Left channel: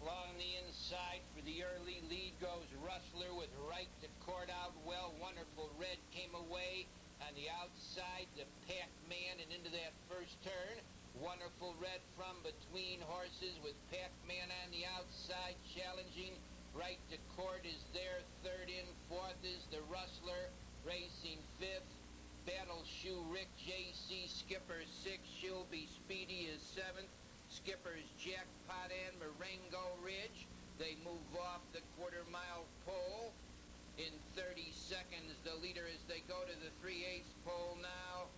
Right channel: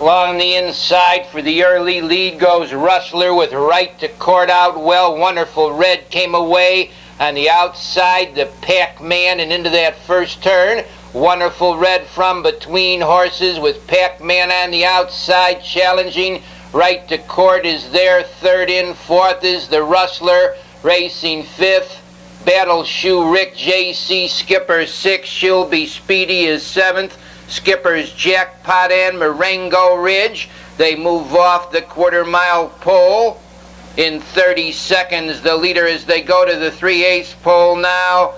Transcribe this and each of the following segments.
Along the inside for the early lead goes Rustler with right to court out well. Wonderful Red came away on the outside, the Pac-Man, and into that first turn. Wonderful Red from between horses with Pac-Man on the outside challenging. Right to court is there. Third in, fourth is the Rustler, racing fifth. Battle Shoe Rick J.C. Skipper sixth. She'll Be Speedy is seventh. Skipper's Jackpot and Marengo Ridge. They move off the quarter-mile pole in 30 seconds. The leader as they go to the 3/8 pole now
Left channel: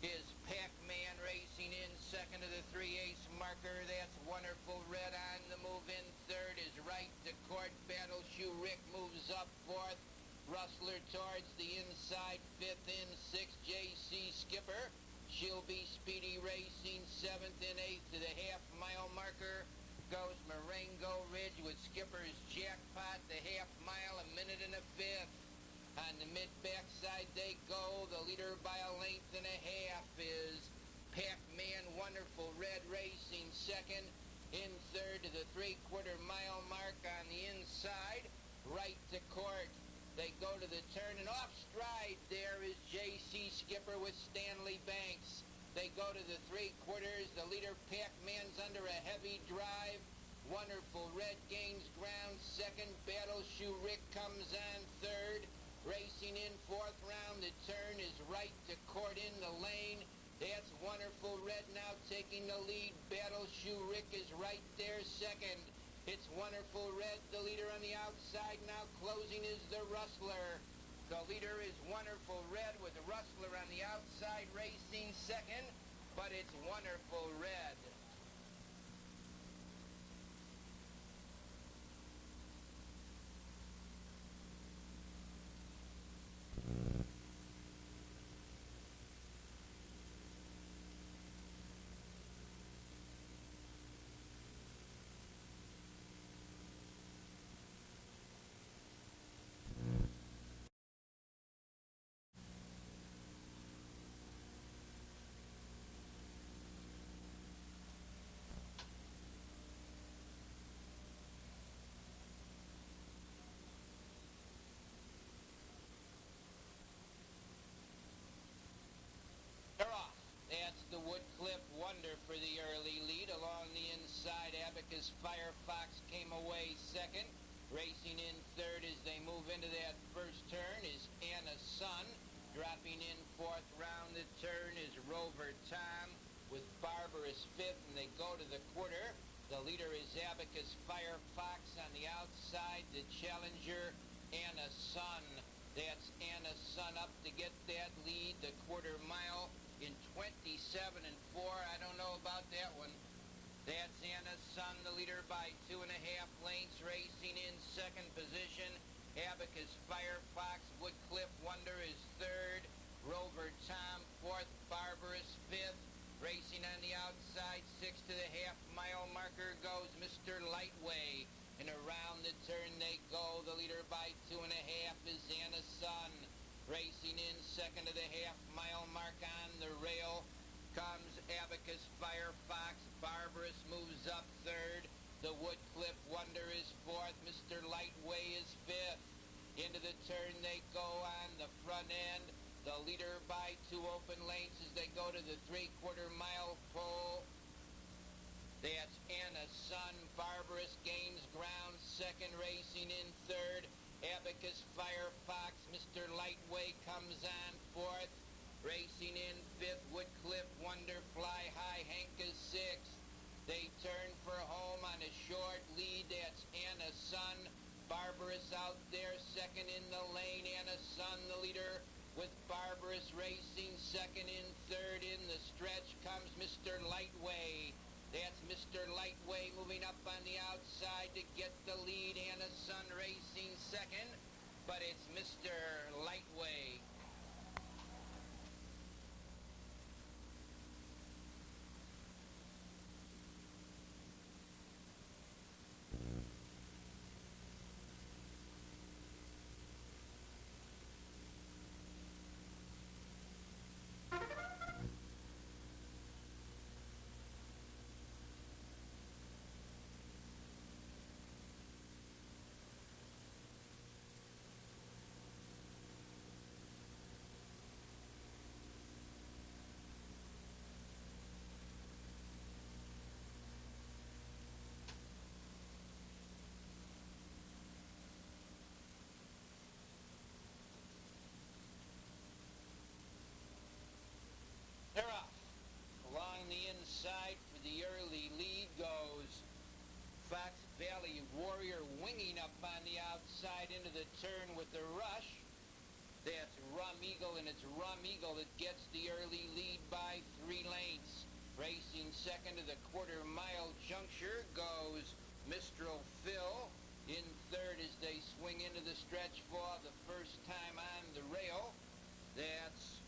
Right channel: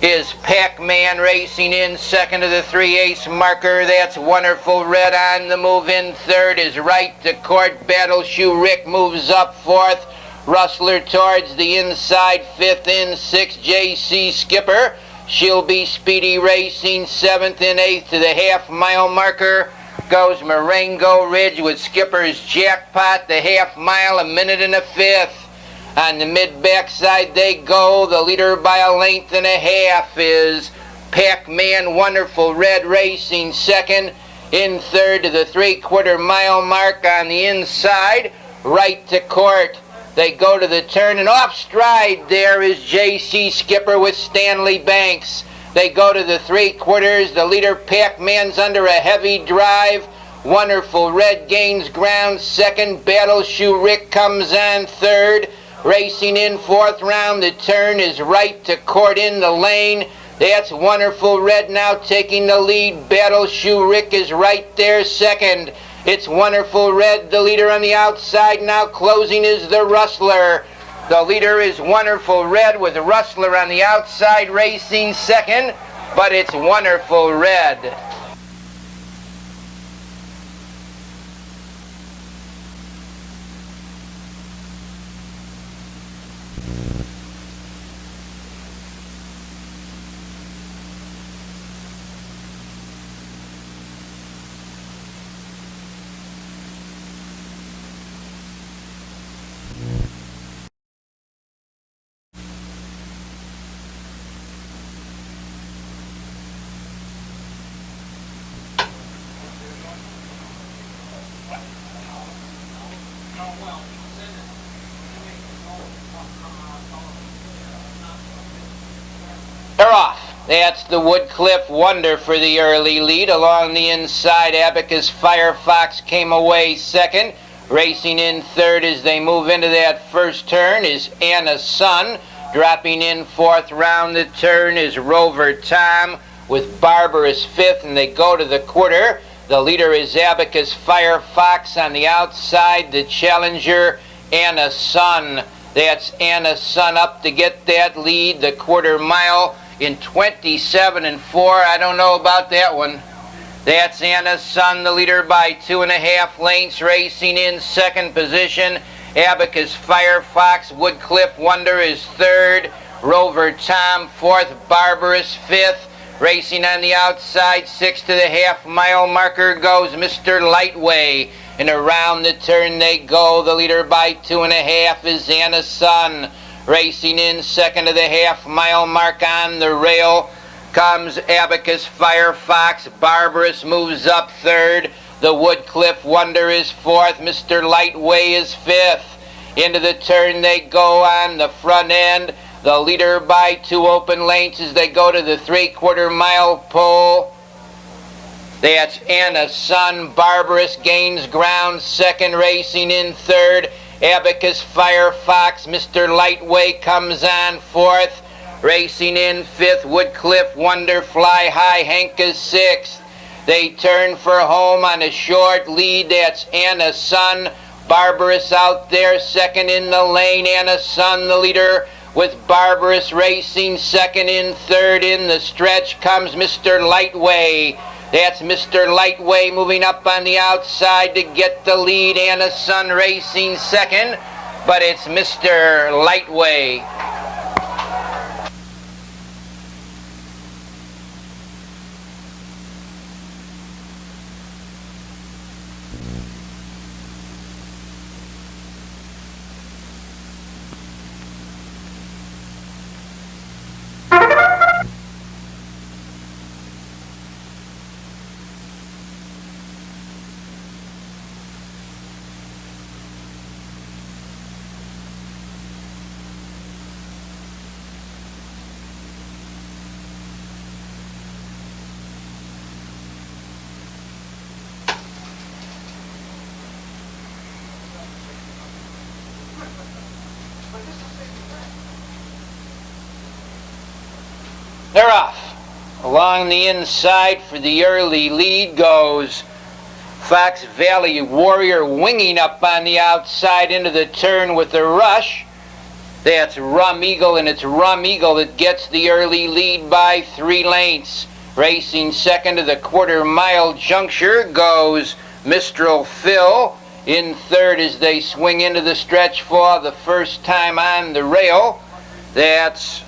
is Pac-Man racing in second to the 3/8 marker. That's Wonderful Red on the move in third is Right to Court. Battle Shoe Rick moves up fourth. Rustler towards the inside, fifth in, sixth J.C. Skipper. She'll Be Speedy racing seventh and eighth to the half-mile marker. Goes Marengo Ridge with Skipper's Jackpot. The half-mile, a minute and a fifth. On the mid-backside they go. The leader by a length and a half is Pac-Man. Wonderful Red racing second. In third to the three-quarter-mile mark on the inside. Right to Court. They go to the turn, and off stride there is J.C. Skipper with Stanley Banks. They go to the three-quarters. The leader Pac-Man's under a heavy drive. Wonderful Red gains ground second. Battle Shoe Rick comes on third. Racing in fourth round. The turn is Right to Court in the lane. That's Wonderful Red now taking the lead. Battle Shoe Rick is right there second. It's Wonderful Red, the leader on the outside. Now closing is the Rustler. The leader is Wonderful Red with Rustler on the outside racing second, but it's Wonderful Red. They're off. That's the Woodcliff Wonder for the early lead. Along the inside, Abacus Firefox came away second. Racing in third as they move into that first turn is Anna's Son. Dropping in fourth round the turn is Rover Tom with Barbarous fifth, and they go to the quarter. The leader is Abacus Firefox on the outside. The challenger, Anna's Son. That's Anna's Son up to get that lead. The quarter mile in 27 and 4. I don't know about that one. That's Anna's Son, the leader by 2.5 lengths, racing in second position. Abacus Firefox. Woodcliff Wonder is third. Rover Tom fourth. Barbarous fifth. Racing on the outside, sixth to the half-mile marker goes Mr. Lightway. And around the turn they go. The leader by 2.5 is Anna's Son. Racing in second to the half-mile mark on the rail comes Abacus Firefox. Barbarous moves up third. The Woodcliff Wonder is fourth. Mr. Lightway is fifth. Into the turn they go on the front end. The leader by 2 open lengths as they go to the three-quarter-mile pole. That's Anna's Son. Barbarous gains ground second, racing in third. Abacus Firefox. Mr. Lightway comes on fourth. Racing in fifth. Woodcliff Wonder. Fly High Hank is sixth. They turn for home on a short lead. That's Anna's Son. Barbarous out there second in the lane. Anna's Son, the leader, with Barbarous racing second. In third in the stretch comes Mr. Lightway. That's Mr. Lightway moving up on the outside to get the lead. Anna's Son racing second, but it's Mr. Lightway. They're off. Along the inside for the early lead goes Fox Valley Warrior, winging up on the outside into the turn with the rush. That's Rum Eagle, and it's Rum Eagle that gets the early lead by 3 lengths. Racing second to the quarter-mile juncture goes Mistral Phil. In third as they swing into the stretch for the first time on the rail. That's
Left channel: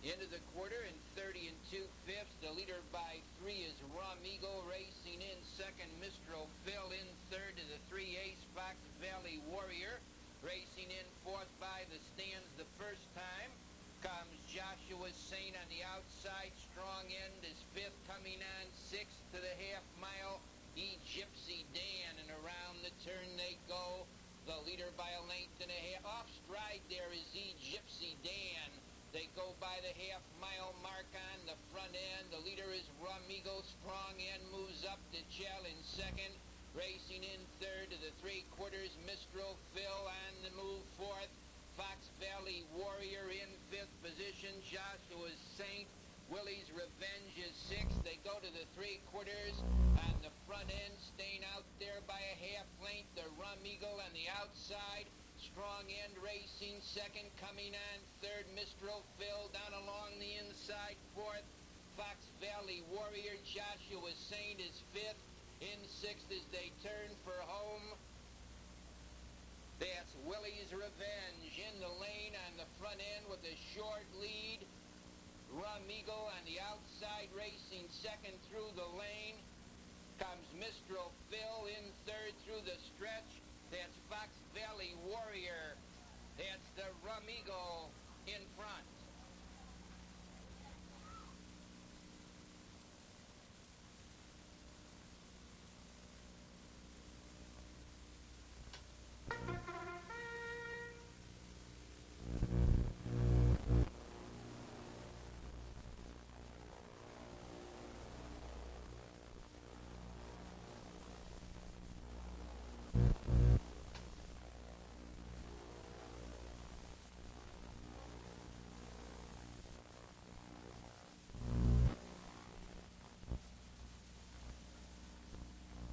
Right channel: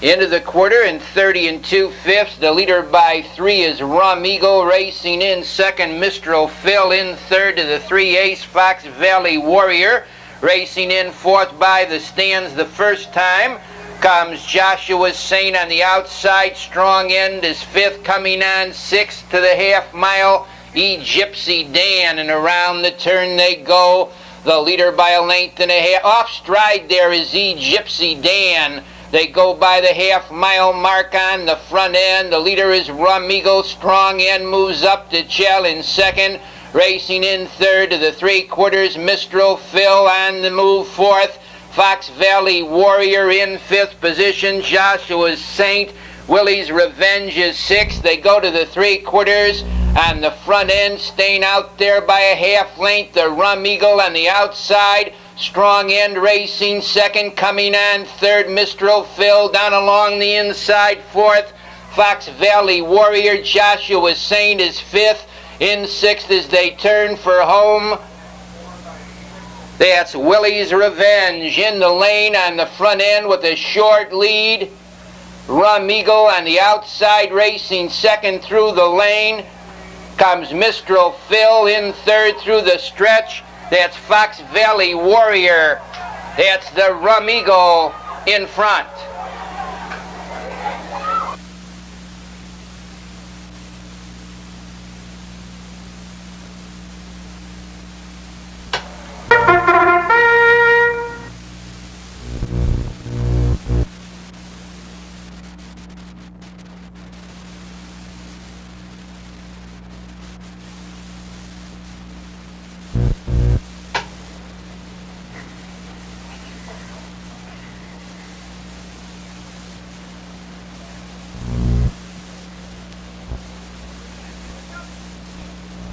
into the quarter and 30 2/5. The leader by 3 is Rum Eagle. Racing in second, Mistral Phil. In third to the 3 ace, Fox Valley Warrior. Racing in fourth by the stands the first time comes Joshua Saint on the outside. Strong end is fifth. Coming on sixth to the half mile, Gypsy Dan, and around the turn they go. The leader by a length and a half. Off stride there is Gypsy Dan. They go by the half-mile mark on the front end. The leader is Rum Eagle. Strong end moves up to challenge second. Racing in third to the 3/4, Mistral Phil on the move fourth. Fox Valley Warrior in fifth position. Joshua Saint. Willie's Revenge is sixth. They go to the 3/4. On the front end, staying out there by a half length, the Rum Eagle on the outside. Strong end racing second. Coming on third, Mistral Phil. Down along the inside fourth, Fox Valley Warrior. Joshua Saint is fifth. In sixth as they turn for home, that's Willie's Revenge. In the lane on the front end with a short lead, Rum Eagle on the outside racing second through the lane. Comes Mistral Phil in third through the stretch. That's Fox Valley Warrior. That's the Rum Eagle in front.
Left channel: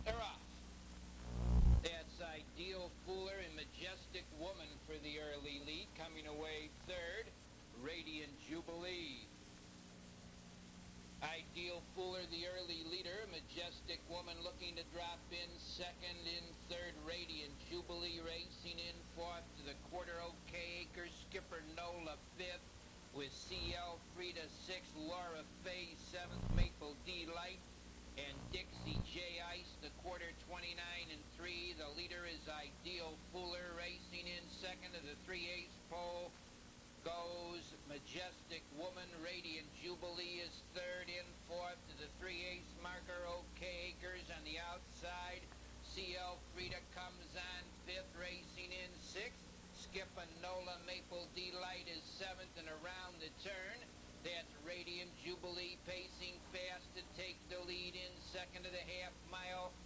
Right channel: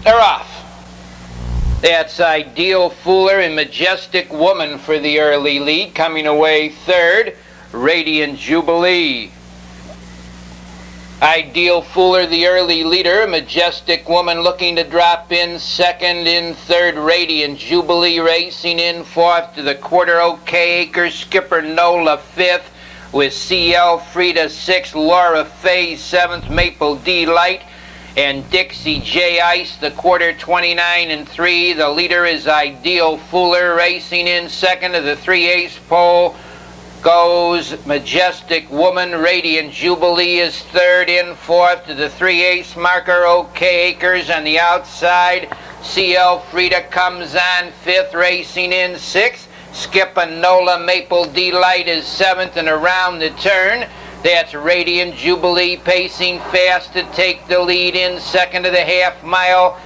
They're off. That's Ideal Fooler and Majestic Woman for the early lead. Coming away third, Radiant Jubilee. Ideal Fooler, the early leader. Majestic Woman looking to drop in second. In third, Radiant Jubilee. Racing in fourth to the quarter, OK Acres. Skipper Nola fifth with CL Frida sixth. Laura Faye seventh. Maple D Light and Dixie J Ice, the quarter 29 3. The leader is Ideal Fooler. Racing in second to the 3 ace pole goes Majestic Woman. Radiant Jubilee is third. In fourth to the 3 ace marker, OK Acres on the outside. CL Frida comes on fifth. Racing in sixth, Skip and Nola. Maple Delight is seventh, and around the turn, that's Radiant Jubilee pacing fast to take the lead. In second to the half mile,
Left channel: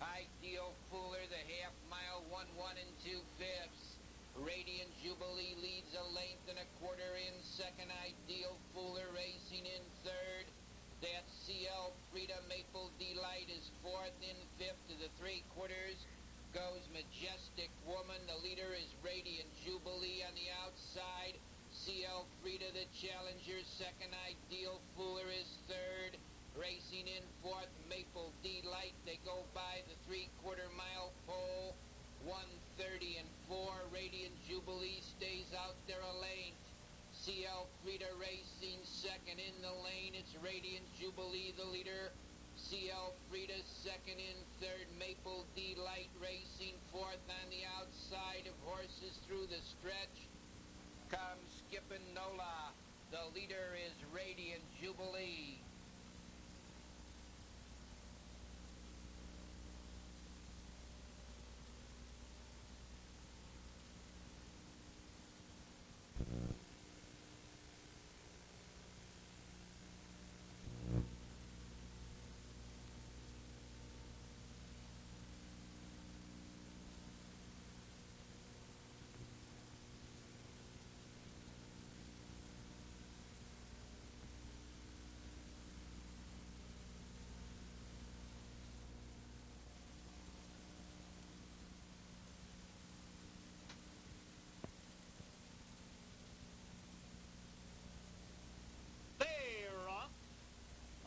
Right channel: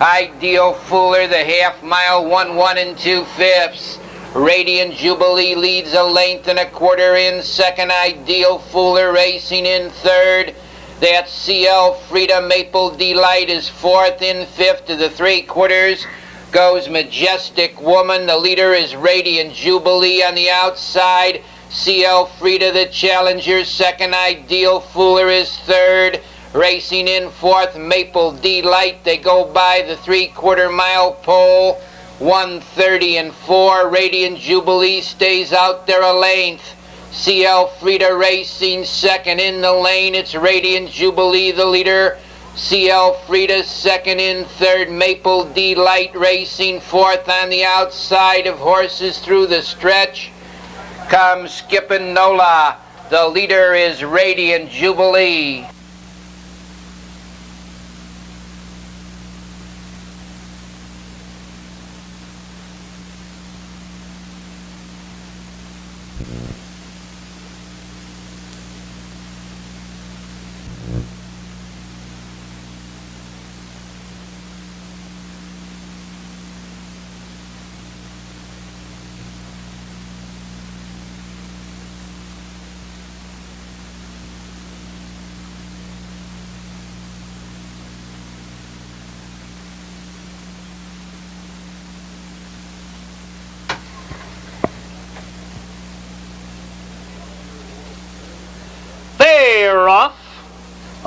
Ideal Fooler. The half mile 1 2/5. Radiant Jubilee leads a length and a quarter. In second, Ideal Fooler. Racing in third, that's CL Frida. Maple Delight is fourth. In fifth to the 3/4 goes Majestic Woman. The leader is Radiant Jubilee on the outside. CL Frida the challenger second. Ideal Fooler is third. Racing in fourth, Maple Delight. They go by the 3/4 mile pole, 1:30 4. Radiant Jubilee stays out there a length. CL Frida racing second. In the lane, it's Radiant Jubilee the leader. CL Frida second. In third, Maple Delight racing fourth. On the outside of horses through the stretch comes Skippin' Nola. The leader is Radiant Jubilee.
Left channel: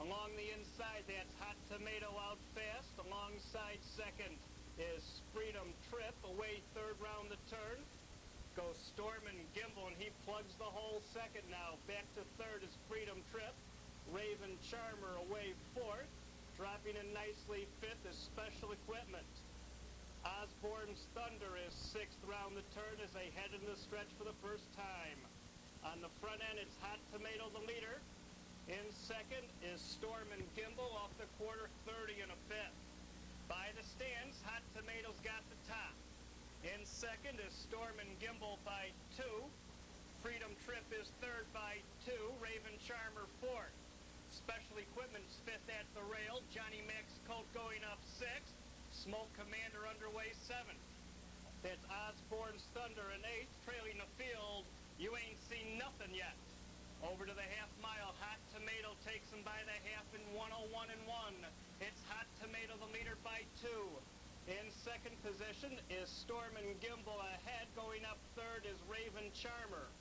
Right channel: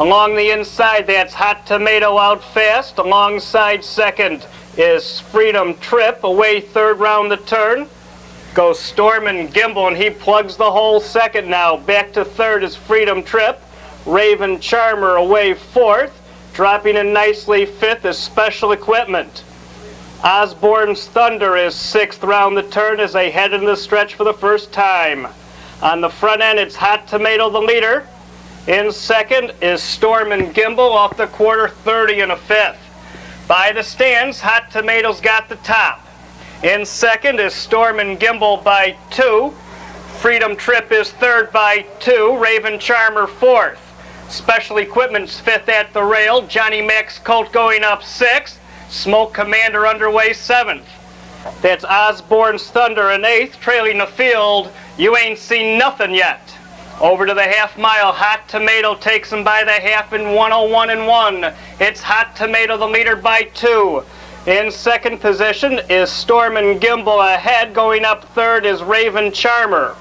Along the inside, that's Hot Tomato out fast. Alongside second is Freedom Trip, away third round the turn. Goes Storm and Gimbal, and he plugs the hole second now. Back to third is Freedom Trip. Raven Charmer away fourth. Dropping in nicely fifth is Special Equipment. Osborne's Thunder is sixth round the turn as they head into the stretch for the first time. On the front end, it's Hot Tomato the leader. In second is Storm and Gimbal off the quarter 30 and a fifth. By the stands, Hot Tomato's got the top. In second is Storm and Gimbal by 2. Freedom Trip is third by 2. Raven Charmer fourth. Special Equipment's fifth at the rail. Johnny Mac's Colt going up sixth. Smoke Commander underway seventh. That's Osborne's Thunder in eighth. Trailing the field, you ain't seen nothing yet. Over to the half mile, Hot Tomato takes him by the half in 1:01 and 1. It's Hot Tomato the leader by 2. In second position is Storm and Gimbal ahead. Going up third is Raven Charmer.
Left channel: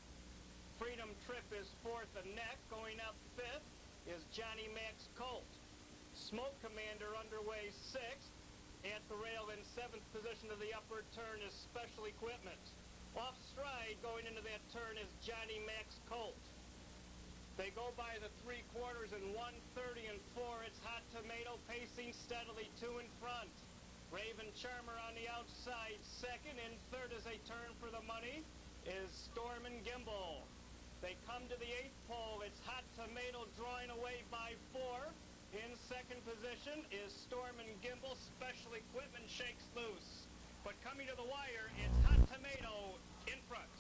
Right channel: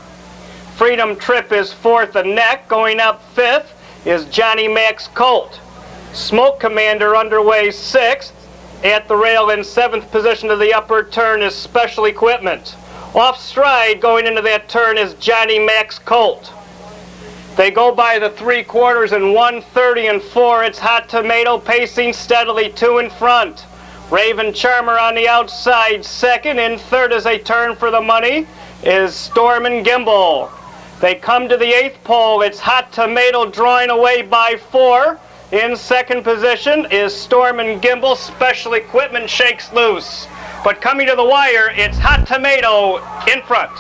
Freedom Trip is fourth and neck. Going up fifth is Johnny Mac's Colt. Smoke Commander underway sixth. At the rail in seventh position to the upper turn is Special Equipment. Off stride going into that turn is Johnny Mac's Colt. They go by the 3/4 in 1:30 and 4. It's Hot Tomato pacing steadily 2 in front. Raven Charmer on the outside second. In third as they turn for the money is Storm and Gimbal. They come to the 8th pole. It's Hot Tomato drawing away by 4. In second position is Storm and Gimbal. Special Equipment shakes loose. But coming to the wire, it's Hot Tomato in front.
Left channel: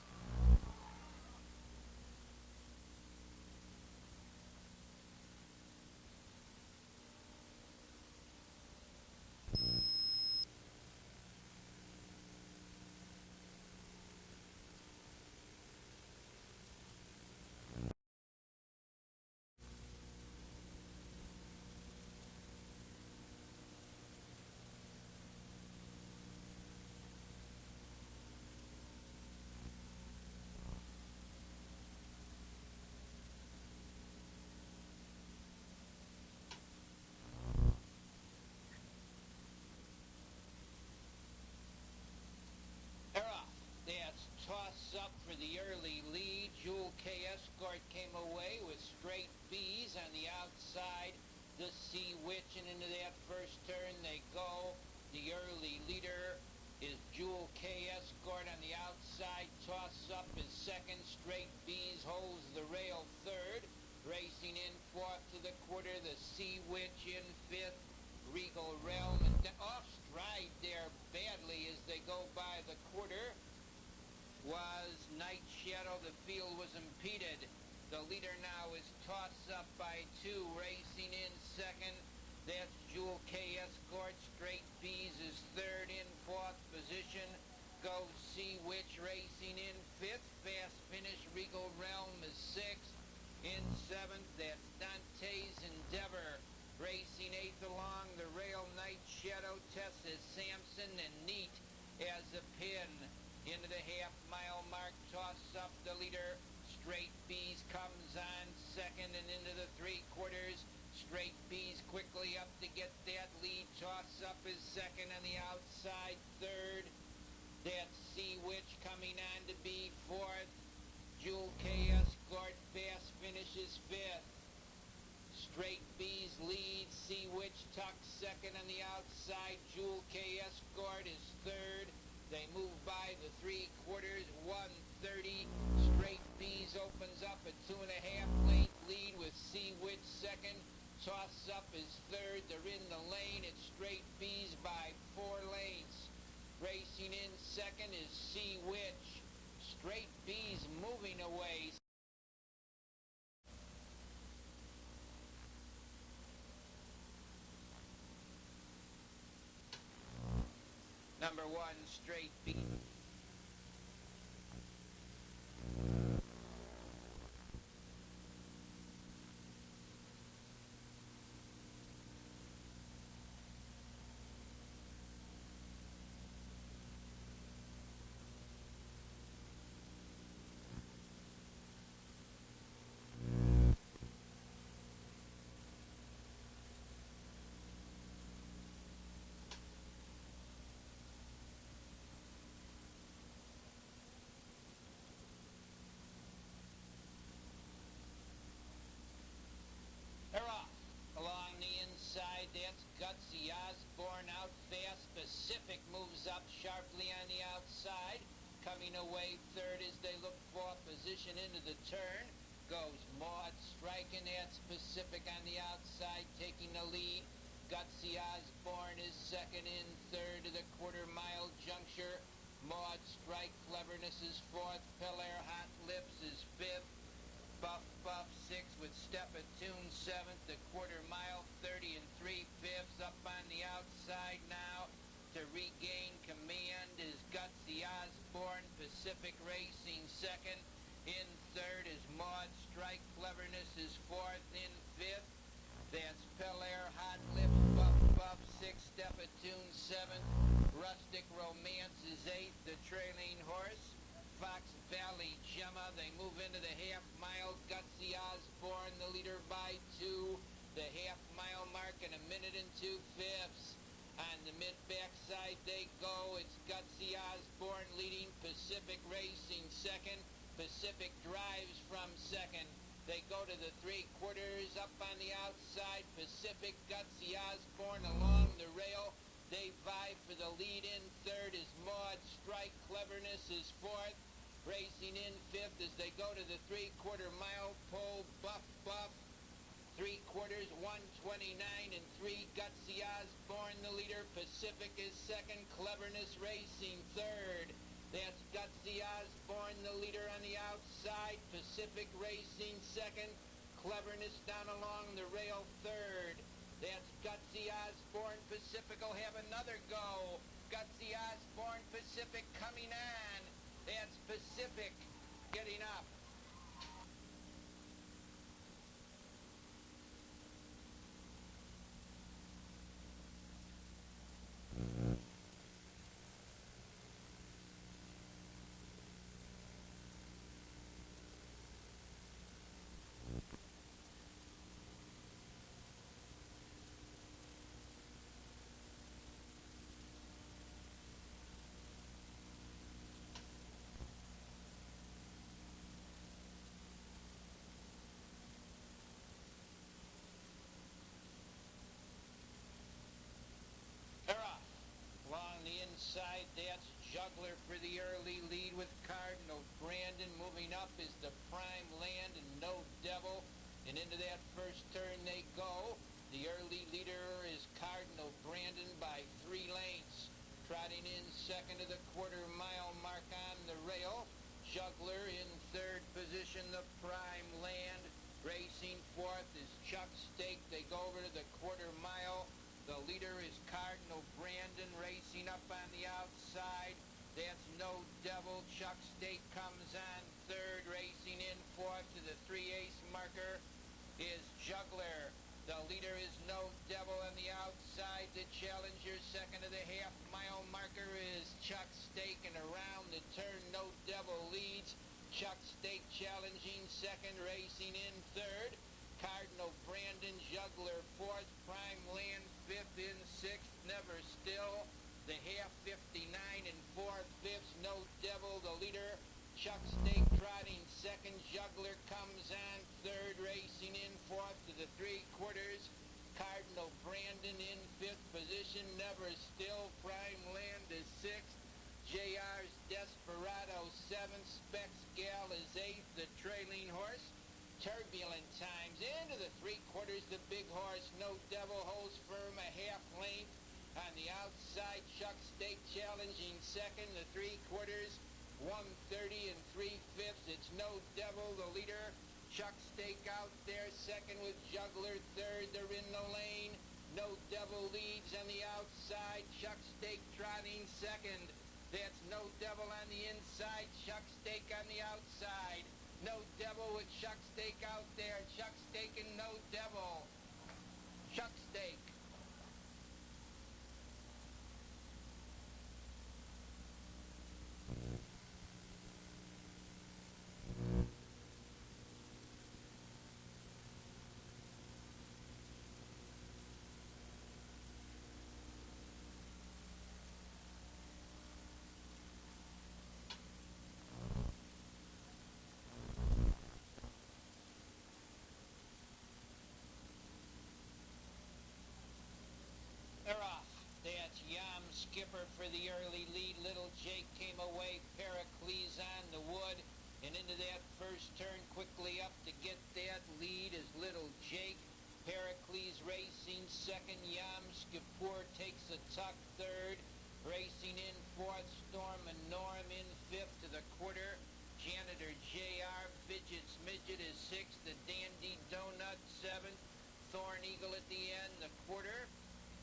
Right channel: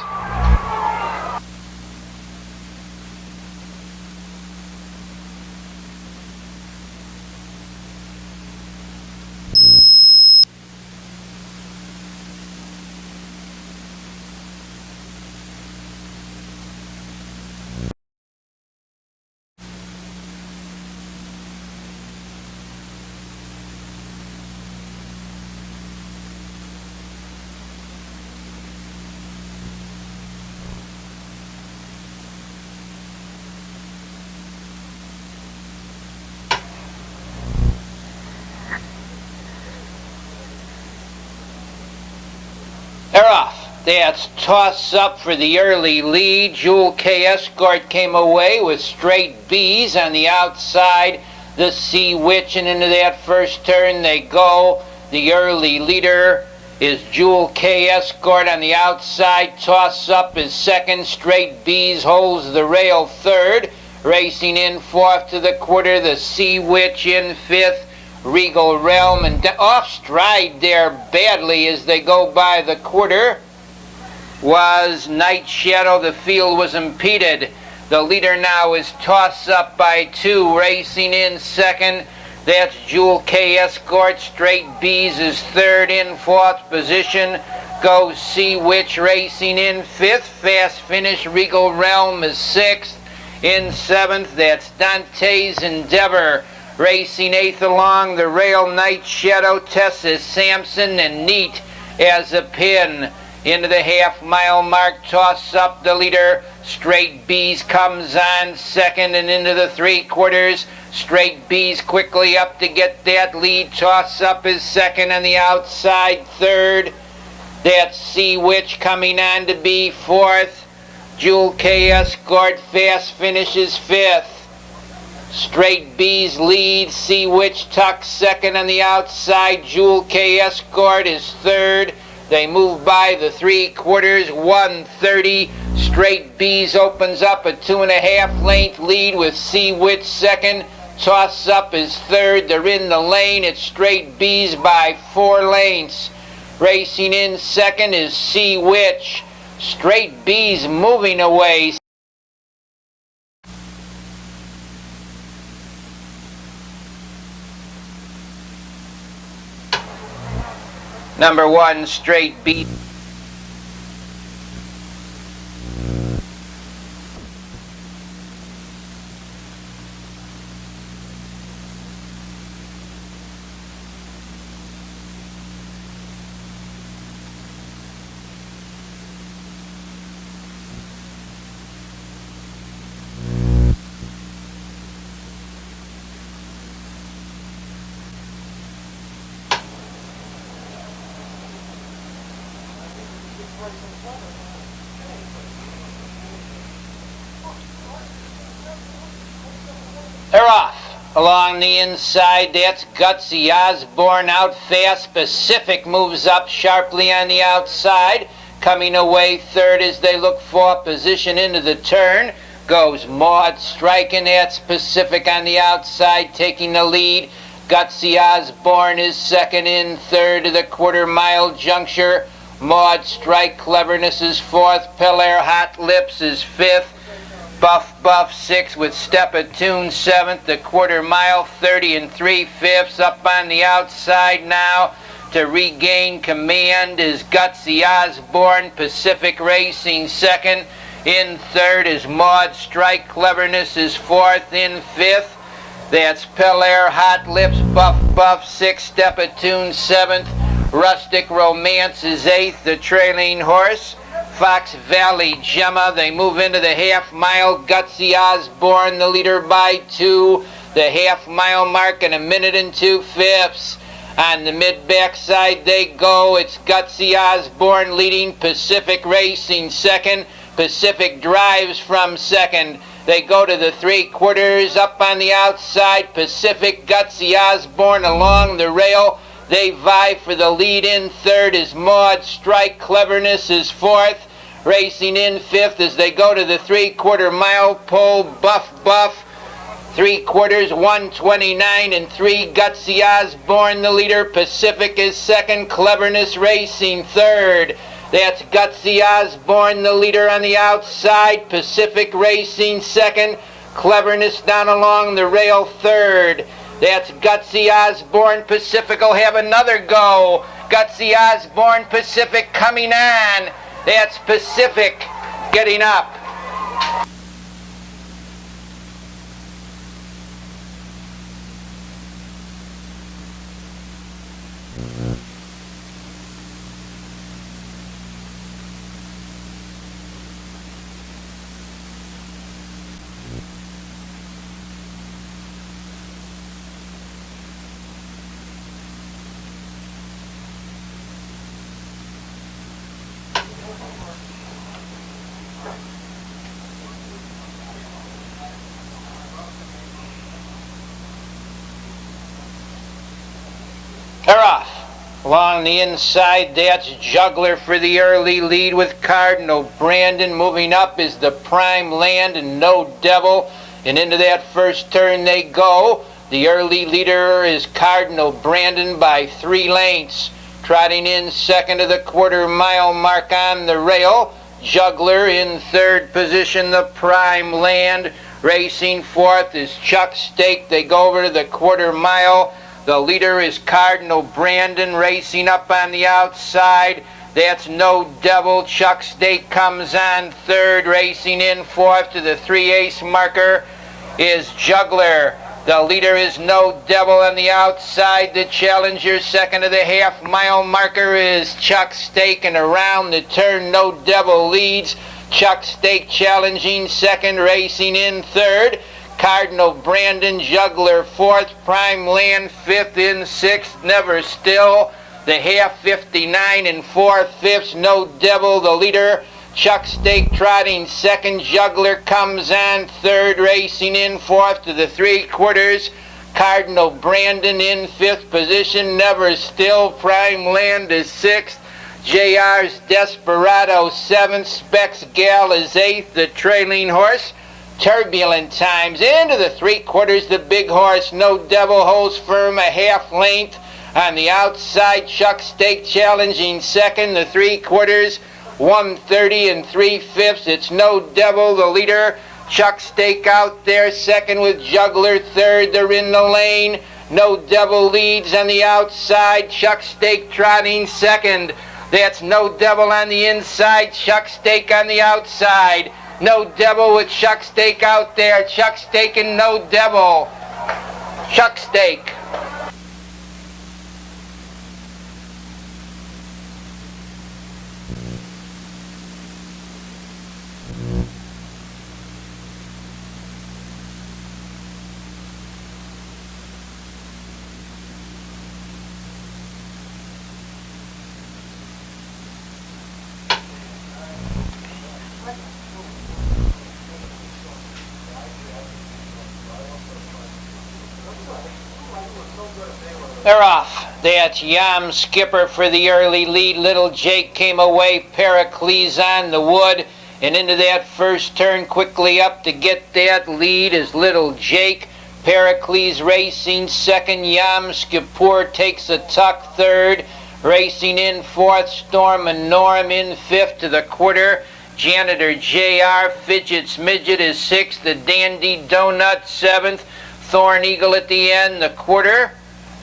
They're off. That's toss up for the early lead. Jewel K Escort came away with straight B's on the outside. The Sea Witch, and into that first turn they go. The early leader is Jewel K Escort on the outside. Toss up is second. Straight B's holds the rail third. Racing in fourth to the quarter. The Sea Witch in fifth. Regal Realm, and off stride there badly as they go by the quarter was Night Shadow. The field was impeded. The leader now is Toss Up by 2. Racing in second, that's Jewel K Escort. Straight B's is third. In fourth position goes Sea Witch. Racing in fifth. Fast Finish Regal Realm is sixth. In seventh, that's Dante's Endeavor. Racing eighth along the rail, Night Shadow, Tessa Sampson, and Neat as a pin. Into the half mile mark, Toss Up the leader. Straight B's comes on second, and into the 3/4. Straight B's quickly up to get that lead. Toss Up is second on the outside third. That's Sea Witch coming on to be fourth. Jewel K Escort Fast finishes fifth. Straight B's lead. Sea Witch tucks second on the outside. Jewel K Escort is third. They move by the 3/4, 1:30. Straight B's opens up a 2.5 length lead with Sea Witch second. Toss Up is third. They're in the lane. It's Straight B's by 4 lengths. Racing in second is Sea Witch. Straight B's moving away. Number 1, Straight B. Along the inside, that's Gutsy Osborne out fast. Pacific moves up sharply on the outside. Coming away third as they look for position into the turn goes Maud striking. That's Pacific on the outside taking the lead. Gutsy Osborne is second. In third to the quarter-mile juncture. Maud Strike Cleverness is fourth. Pelair Hot Lips is fifth. Buff sixth with Step of Tune seventh. The quarter-mile 30 3/5 up on the outside now. To regain command is Gutsy Osborne. Pacific Racing second. In third is Maud Strike Cleverness is fourth. In fifth, that's Pelair Hot Lips. Buff sixth. Step of Tune seventh. Rustic Romance is eighth. The trailing horse, Fox Valley Gemma. They move into the half-mile. Gutsy Osborne, the leader by 2. The half-mile mark in 1 minute and 2/5. On the mid-backside they go. It's Gutsy Osborne leading. Pacific Racing second. Pacific drives from second. They go to the 3/4 up on the outside. Pacific, Gutsy Osborne along the rail. They vie for the lead. In third is Maud Strike Cleverness is fourth. Racing in fifth as they go to the 3/4 mile pole. Buff 3/4 1:29 3. Gutsy Osborne the leader. Pacific is second. Cleverness Racing third. That's Gutsy Osborne the leader on the outside. Pacific Racing second. Cleverness down along the rail third. That's Gutsy Osborne. Pacific will have another go. Gutsy Osborne, Pacific coming on. That's Pacific getting up. They're off. Along the inside, that's Juggler for the early lead with Cardinal Brandon. Moving up is the Prime Land and No Devil. And into that first turn they go. The early leader is Cardinal Brandon by 3 lengths. Trotting in second to the 1/4 mile mark on the rail. Juggler in third position, the Prime Land. Racing fourth is Chuck Stake. They go over to the 1/4 mile. The leader is Cardinal Brandon. Racing up on the outside, that's No Devil. Chuck Stake comes on third. Racing in fourth to the 3/8 marker is Juggler. The leader is No Devil on the outside. The challenger second to the half-mile marker is Chuck Stake, and around the turn No Devil leads. Chuck Stake challenging second. Racing in third, Cardinal Brandon. Juggler fourth. Prime Land fifth. In sixth, Never Still. The half 59 4/5. No Devil the leader. Chuck Stake trotting second. Juggler comes on third. Racing in fourth to the 3/4. Cardinal Brandon in fifth position. Never Still. Prime Land is sixth. JR's Desperado seventh. Specs Gal is eighth. The trailing horse, Turbulent Times. Into the 3/4, the big horse, No Devil, holds firm a half length. On the outside, Chuck Stake challenging second. The 3/4, 1:30 3/5. It's No Devil, the leader. Chuck Stake out there second with Juggler third. They're in the lane. No Devil leads on the outside. Chuck Stake trotting second. That's No Devil on the inside. Chuck Stake on the outside. No Devil with Chuck Stake out there. Chuck Stake and No Devil. Chuck Stake. They're off. That's Yam Skipper for the early lead. Little Jake came away. Pericles on the wood. And into that first turn, quickly up to get that lead is Little Jake. Pericles racing second. Yam Skipper takes a tuck third. Racing in fourth, Storm and Norm in fifth to the quarter. Janitor J.R. Fidget's Midget is sixth. The Dandy Donut seventh. Thorn Eagle at the end, the quarter.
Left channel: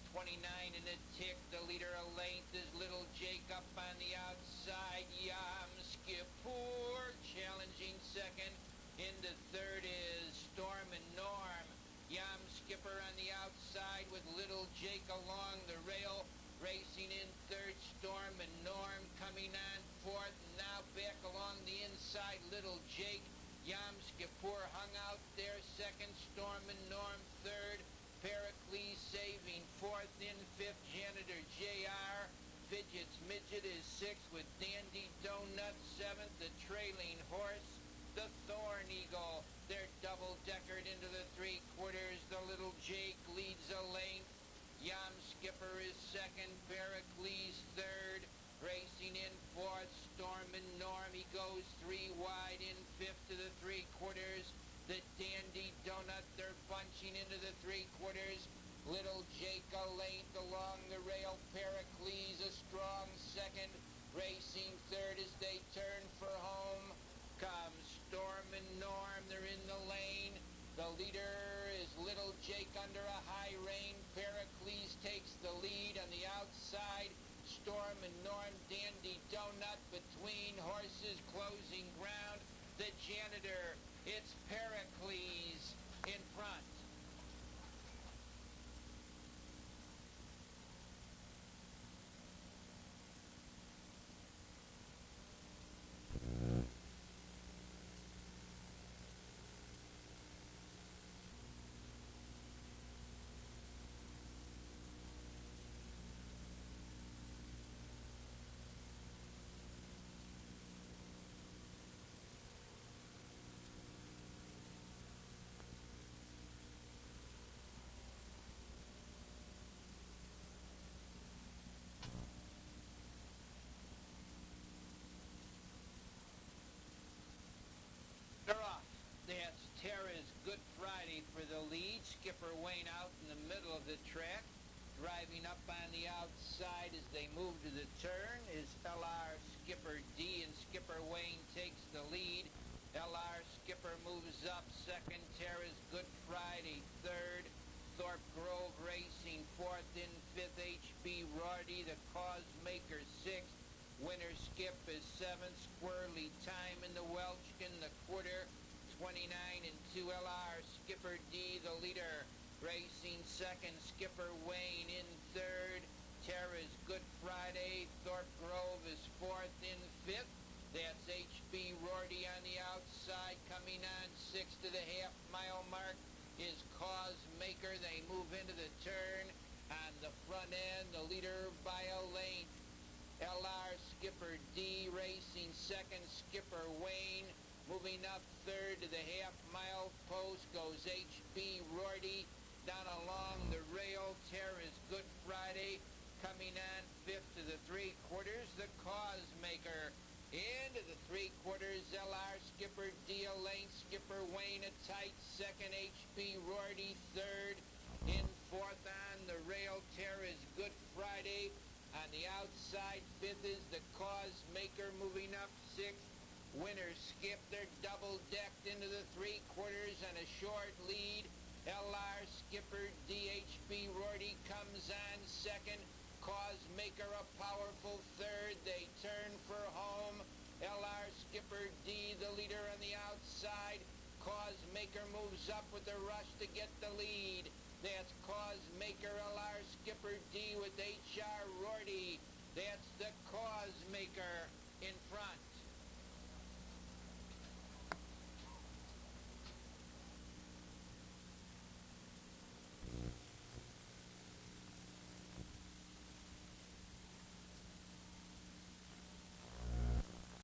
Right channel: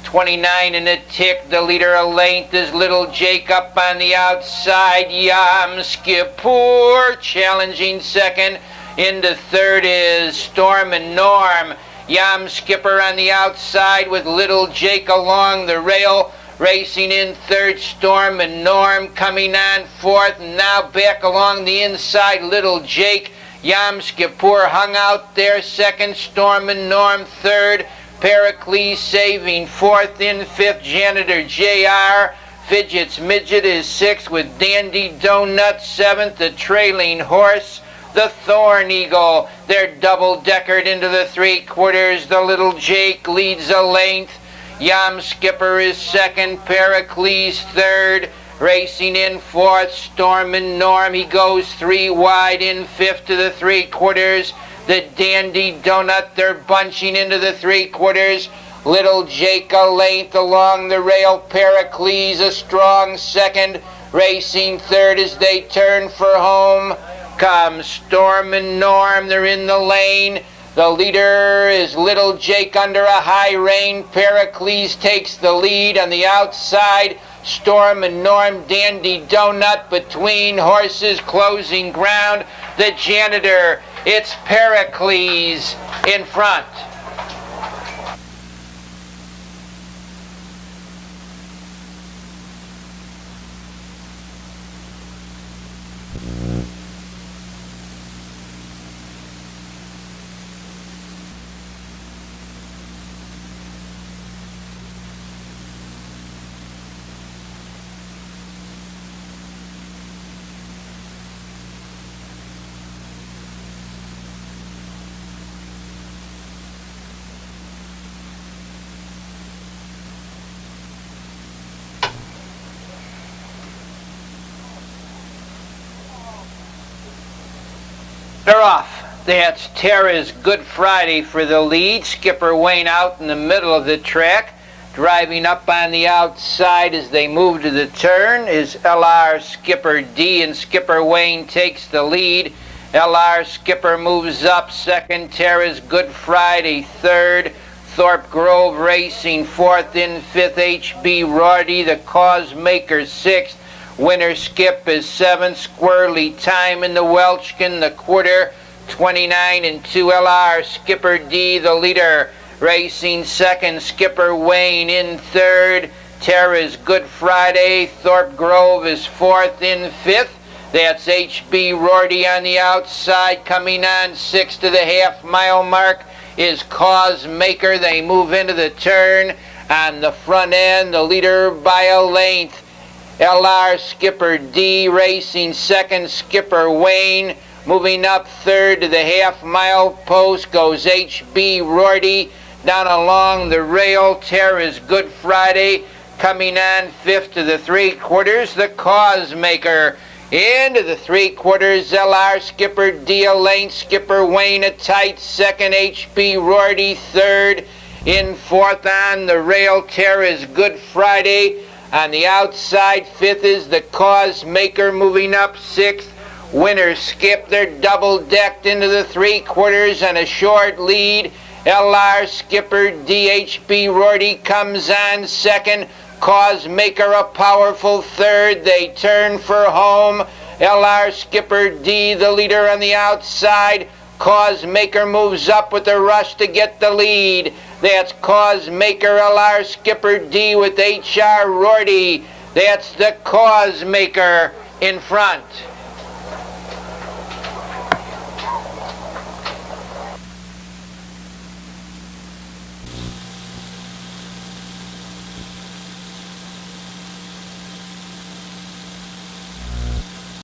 29 and a tick. The leader a length is Little Jake up on the outside. Yam Skipper challenging second. Into third is Storm and Norm. Yam Skipper on the outside with Little Jake along the rail. Racing in third, Storm and Norm coming on fourth. And now back along the inside, Little Jake. Yam Skipper hung out there second, Storm and Norm third. Pericles saving fourth. In fifth, Janitor J.R. Fidget's Midget is sixth with Dandy Donut seventh. The trailing horse, the Thorn Eagle. They're double-deckered into the three quarters. The Little Jake leads a length. Yam Skipper is second. Pericles third. Racing in fourth, Storm and Norm. He goes three wide. In fifth to the three quarters. The Dandy Donut, they're bunching into the three quarters. Little Jake a length along the rail. Pericles a strong second. Racing third as they turn for home. Comes Storm and Norm, they're in the lane. The leader is Little Jake under a high rein. Pericles takes the lead on the outside. Storm and Norm, Dandy Donut between horses, closing ground. The Janitor, it's Pericles in front. They're off. That's Tara's Good Friday for the lead. Skipper Wayne out in the middle of the track. Driving up on the outside as they move to the turn is LR Skipper D, and Skipper Wayne takes the lead. LR Skipper moves up second. Tara's Good Friday third. Thorpe Grove Racing fourth. In fifth, HB Rorty, the Cause Maker sixth. Winner Skip is seventh. Squirrely Time in the Welchkin, the quarter. 29 and 2 LR. Skipper D, the leader. Racing second. Skipper Wayne in third. Tara's Good Friday. Thorpe Grove is fourth. In fifth, that's HB Rorty on the outside. Coming on sixth to the half-mile mark is Cause Maker. They move into the turn. On the front end, the leader by a length. LR Skipper D racing second. Skipper Wayne moving up third to the half-mile post goes HB Rorty. Down along the rail, Tara's Good Friday. Coming on fifth to the three quarters, the Cause Maker. Into the three quarters, LR Skipper D a length. Skipper Wayne a tight second. HB Rorty third. In fourth on the rail, Tara's Good Friday. On the outside, fifth is the Cause Maker moving up sixth. Winner Skip, they're double-decked into the three quarters and a short lead. LR Skipper DHB Rorty comes on second. Cause Maker a powerful third. They turn for home. LR Skipper D, the leader on the outside. Cause Maker moves up with a rush to get the lead. That's Cause Maker, LR Skipper D with HR Rorty. That's the Cause Maker in front.